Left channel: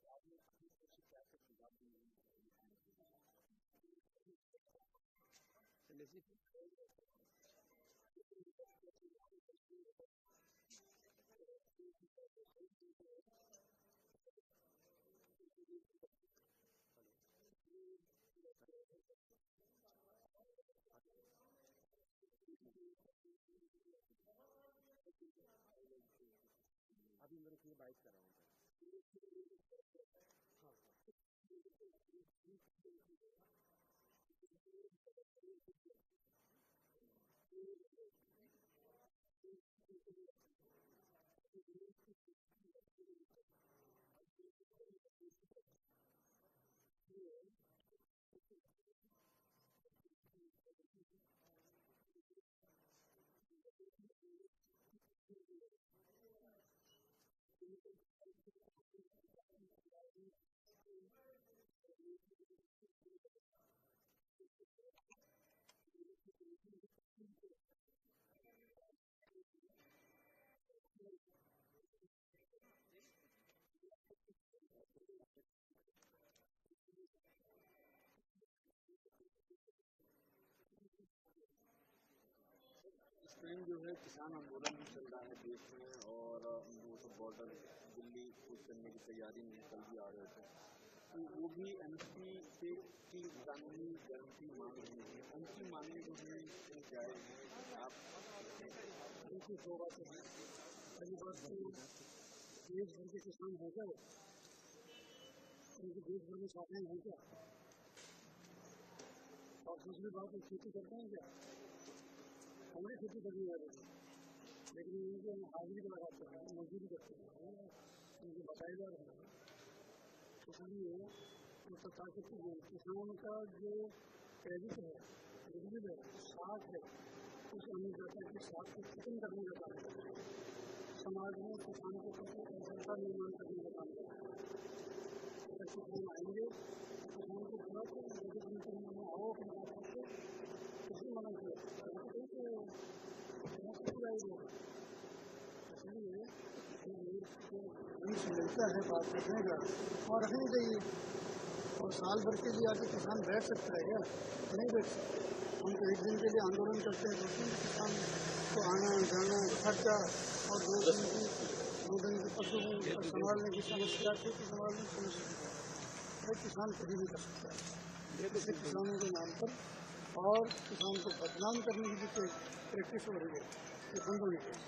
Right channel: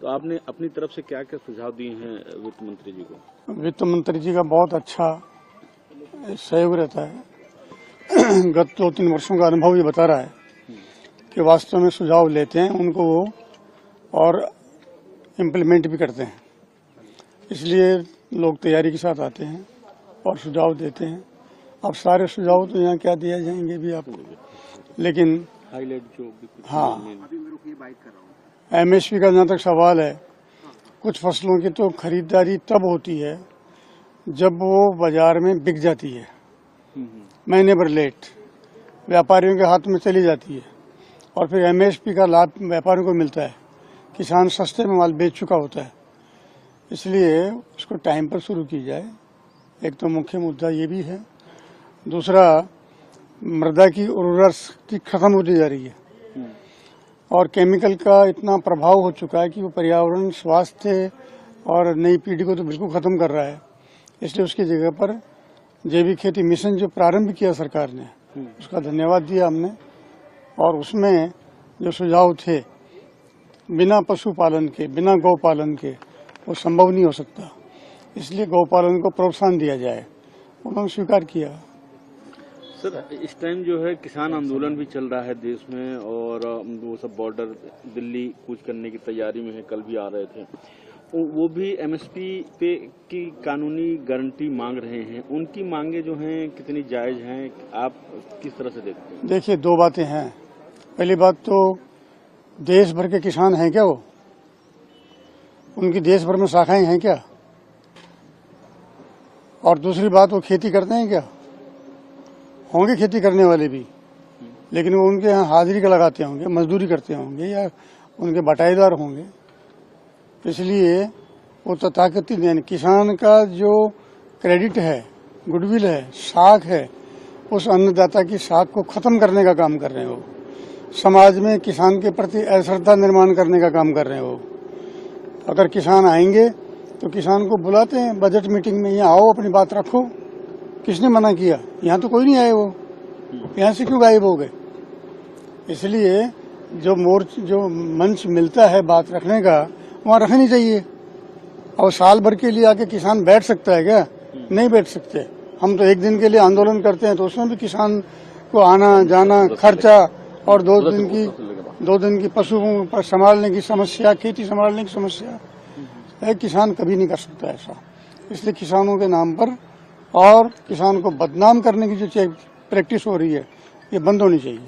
तो आपने अपनी तरफ से क्या क्या सुझाव दिए हैं वित्त मंत्री जी को? वित्त मंत्री जी का बहुत अच्छा सहयोग रहता है। गत 2-3 वर्षों का अनुभव ये बता रहा है कि वास्तव में सुझाव लेते हैं उनको वो और इम्प्लीमेंट भी करते हैं। इसलिए लोग तैयारी के साथ आते हैं और सुझाव देते हैं। अब सारे सुझाव तो यहाँ क्या दिया जाएंगे भी आपको, लेकिन हाईलाइट जो हाँ, एमएसपी का जहाँ तक सवाल है, कुछ फसलों की तो खरीदारी तब होती है जब वो बाजार में बिक जाती है, महीने भर लेट व्यापारियों के हाथ में चली जाती है और फिर एमएसपी का लाभ व्यापारियों को मिलता है। किसान सस्ते में माल बेच चुका होता है, इसलिए उसको टाइम पर शुरू की जाए। एक तो मुख्य मुद्दा ये भी है। दूसरा, मृदा की उर्वरा शक्ति खत्म होती जा रही है और केमिकल का इतना प्रभाव हो चुका है कि वो पर्यावरण, स्वास्थ्य और नई पीढ़ी को तो बिल्कुल खत्म कर रहा है। इसलिए उसकी जगह पर जैविक खेती मिशन जो प्रारंभ किया सरकार ने, उसका धन्यवाद दिया हमने। और उसमें जो सुझाव थे, बिना पशुपालन के, बिना गौपालन के वो संभव नहीं हो सकता, इसलिए गौपालन को प्रोत्साहन दिया जाए, उन्होंने स्वीकार किया। सर, इस टाइम जो है किसान आंदोलन भी चल रहा है देश में और वो सब बॉर्डर दिल्ली कूच करने की तैयारी में है, कल भी आ रहे थे। वो भी एमएसपी पे की कानूनी गारंटी मांग रहे हैं। उनकी मांगे जो हैं कितनी जायज हैं, आप किस तरह से देखते हैं? देखिए, दो बातें हैं। पहली बात तो देश भर के किसान हैं क्या वो? उनकी देश भर में शाखाएं हैं क्या? और दूसरी बात, वो खेती करते हैं क्या? होंगे खेती करने वाले भी, लेकिन वो उनके यहाँ हाजिरी का लगाते होंगे, मजदूरी करते होंगे या उनके बटाईदार होंगे। इसलिए वो तथाकथित यानी किसान का जो क्रेडिट है, गुडविल है, साख है, उस अन्नदाता की साख को खत्म करने का काम कर रहे हैं वो। समाज में किसान के प्रति अश्रद्धा निर्माण करने का काम कर रहे हैं वो। अगर किसान आएंगे तो किसान को बुलाते हैं बजट मीटिंग में, यहाँ आओ अपनी बात रखो। किसने मना किया? यहाँ तो कोई नहीं आए, वो यहाँ से क्यों गायब हो गए? इसलिए जो मंच मिलता है बात रखने का, वहाँ रखनी चाहिए। और साल भर के लिए आके किसान बैठ सकता है क्या? नहीं बैठ सकते। हम तो एक दिन के लिए आंदोलन करते हैं तो उसमें भी किसान को आना जाना खर्चा और 2 दिन की पशुओं पर संभालने की समस्या, खेती संभालने की समस्या, एक किसान कभी नहीं कर सकता ऐसा। इसलिए किसानों के नाम पर और किसान को बदनाम करने की जो प्रैक्टिस हो रही है, ये बंद होनी चाहिए।